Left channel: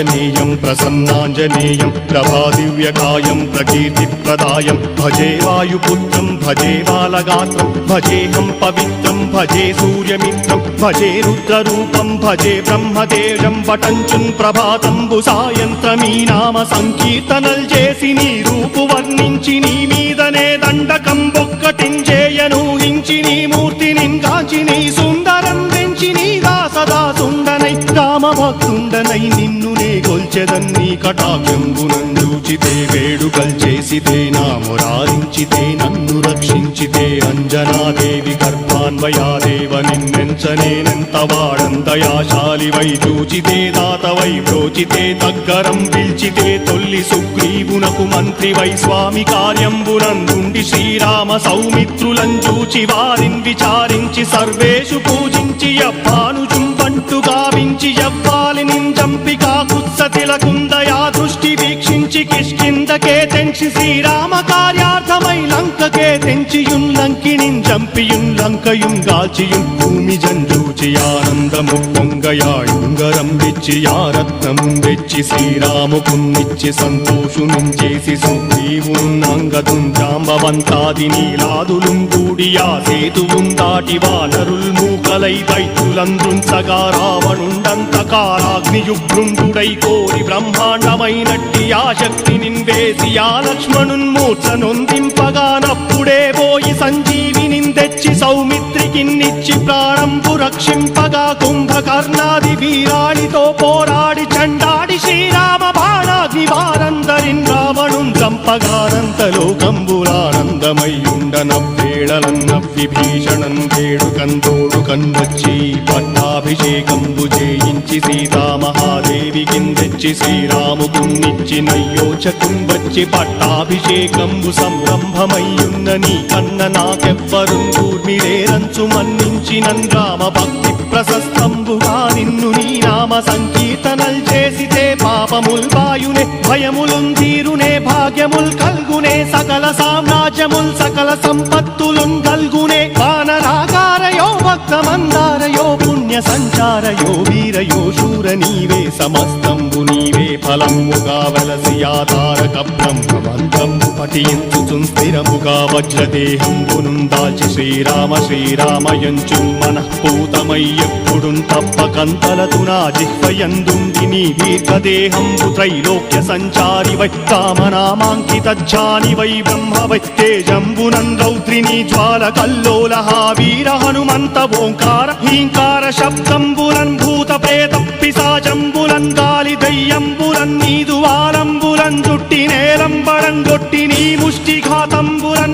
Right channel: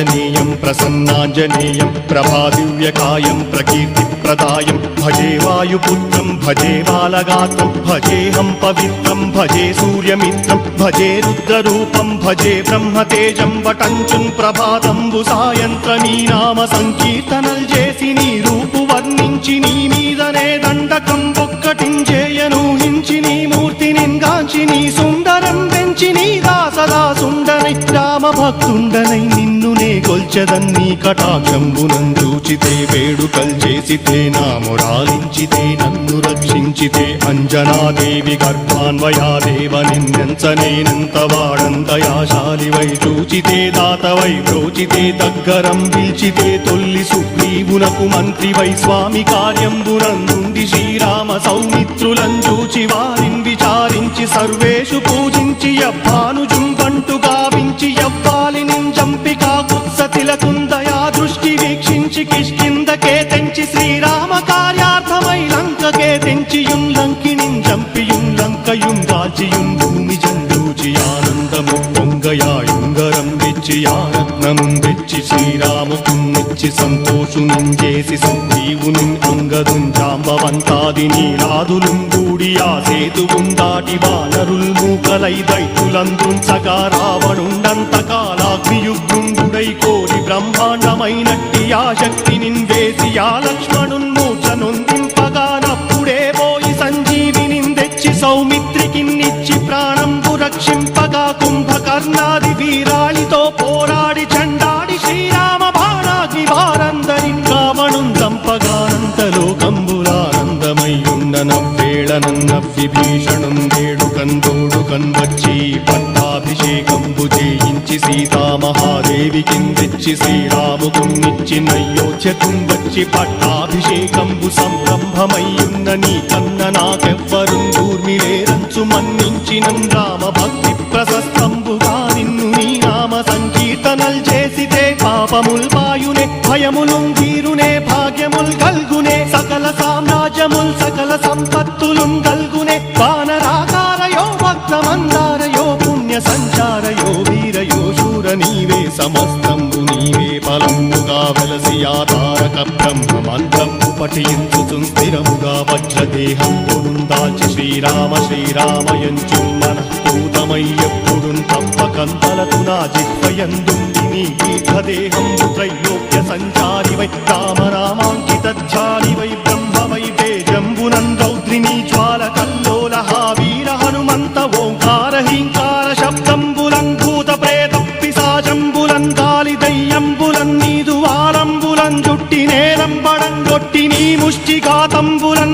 ఆంజనేయం ప్రసన్నాంజనేయం ప్రభాదివ్యకాయం ప్రకీర్తిప్రదాయం భజే వాయుపుత్రం భజే బాలగాత్రం భజేహం పవిత్రం భజే సూర్యమిత్రం భజే రుద్రరూపం భజే బ్రహ్మదేవం వటంచుం ప్రభాతంబు సాయంత్రమీ నామ సంకీర్తనల్ చేసి నీ రూపు వర్ణించి నీ మీదనే దండకం ఒక్కటించేయనూహించి నీ మూర్తి నింగాంచి నీ సుందరం వెంచి నీ దాసదా సుందరై రామభక్తుండనై నిన్నునే కొల్చెదన్నీ కటాక్షంబునందూచితే వేడుకల్ చేసితే నామురారించితే నన్ను రక్షించితే అంజనాదేవి గర్భాన్వయాదేవ నిన్నెంచనేనంత వాడంతయాశాలివై చూచితే దాతవై ప్రోచితే దగ్గరం పిల్చితే తొల్లి సుగ్రీవునకు మంత్రివై స్వామి కార్యంబునందుండి శ్రీరామ సౌమిత్రులం చూచి వారిని విచారించి సర్వేషు పూజించి యవ్వాను చుంబంటు గావించి యవ్వాలి నింజంపి కాకుత్సతిలకుందయా దృష్టి వీక్షించి కిష్కిందకే తెంచి శ్రీరామ కార్యార్థమై లంకకే తెంచియుం లంకిణింజంపియుం లంకయుంగాచియుం భూమి జంజూచి ఆనందము పొంగయాయుంగరం వెచ్చి ఆరత్నం వెచ్చి శ్రీరాముకున్నిచ్చి సంతోషునం చేసి సంజీవును అంగదుం జాంబవంతాది నీలాదులుం కూడియా సేతువుం దాటి వానరుల్ మూకలై దైత్యులందుంచగా రావణుండంతకారాగ్నియుగ్రుండుడై కోరి బ్రహ్మాండమైనట్టి ఆ శక్తి నిన్వేసి ఆ లక్ష్మణున్ మూర్ఛ నొందింపగానప్పుడే పోయి సంజీవిని తెచ్చి సౌమిత్రికిన్నిచ్చి ప్రాణంబు రక్షింపగా కుంభకర్ణాది వీరాడితో పోరాడి చండాడి శ్రీరామ బాణాగ్ని వారందరిన్ రావణుం చంపగానంతలోకంబురానందమయ్యుండనవ్వేళనన్నవ్వి భీషణం వేడుకందోడుకన్ వచ్చి పట్టాభిషేకంబు చేయించి సీతామహాదేవికిన్ తెచ్చి శ్రీరాముకున్నిచ్చి నయ్యోచకుం వచ్చి పట్టాభిషేకంబు సంరంభమయ్యున్న నీ కన్న నాకెవ్వరుం దూర్మిలేరంచు మన్నించినన్ రామ భక్తి ప్రశస్తంబుగా నిన్ను నీ నామ సంకీర్తనల్ చేసితే పాపముల్ వాయునే భయములుం తీరునే భాగ్యముల్ కల్గునే సకల సామ్రాజ్యముల్ సకల సంపత్తులుం కల్గునే వానరాకారయో వక్రమందారయో పుణ్య సంచారయో వీరయో శూర నీవే సమస్తంబు నీవే ఫలముగా వలసి ఆధారక బ్రహ్మమంత్రంబు పఠించుచుం స్థిరముగా వజ్రదేహంబునుం దాల్చి శ్రీరామ శ్రీరామయంచు మనఃపూతమై ఎప్పుడుం తప్పకంతలతునా జిత్వయందుండి నీ దీర్ఘదేహంబు త్రైలోక్య సంచారివై రామనామాంకితచ్చానివై బ్రహ్మవై తేజంబునం రౌద్రిణీ జ్వాల కల్లోలహ వీర హనుమంత ఓంకార హీంకార శబ్దంబురం భూత ప్రేత పిశాచంబురం గాలి దయ్యంబురం నీదు వారంబురం జుట్టి నేరంబరం గొట్టి నీ ముష్టిఘాతంబురం